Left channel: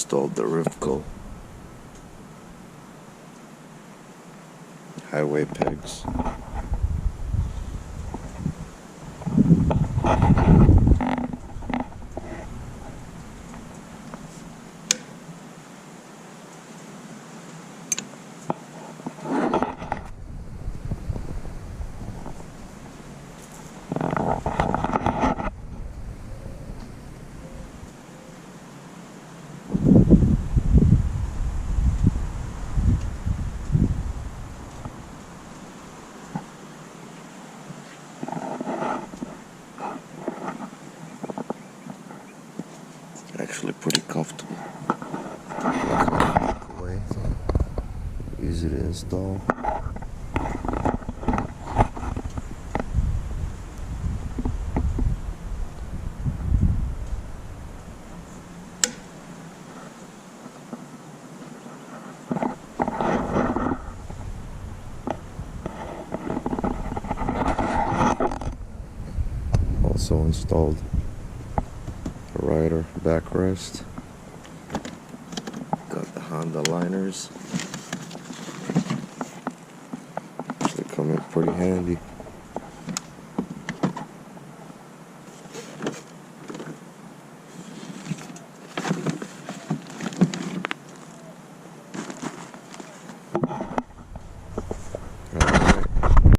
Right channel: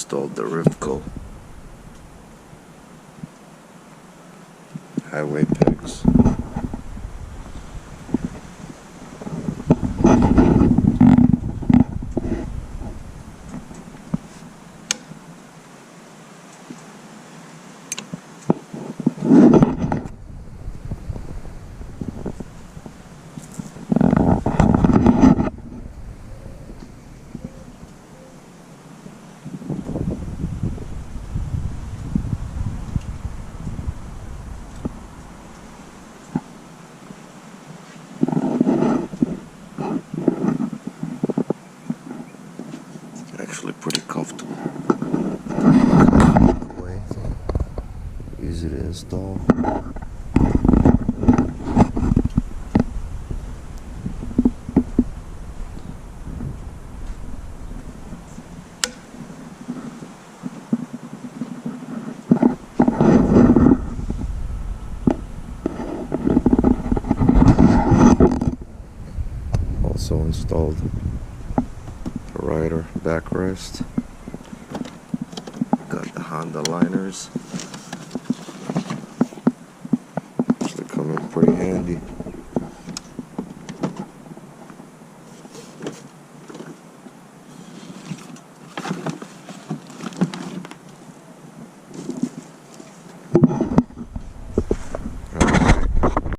installed the Rivco highway pegs. Actually pretty comfortable. Away. Easy to install. Also installed a rider backrest. Got the Honda liners, which they come in pretty handy.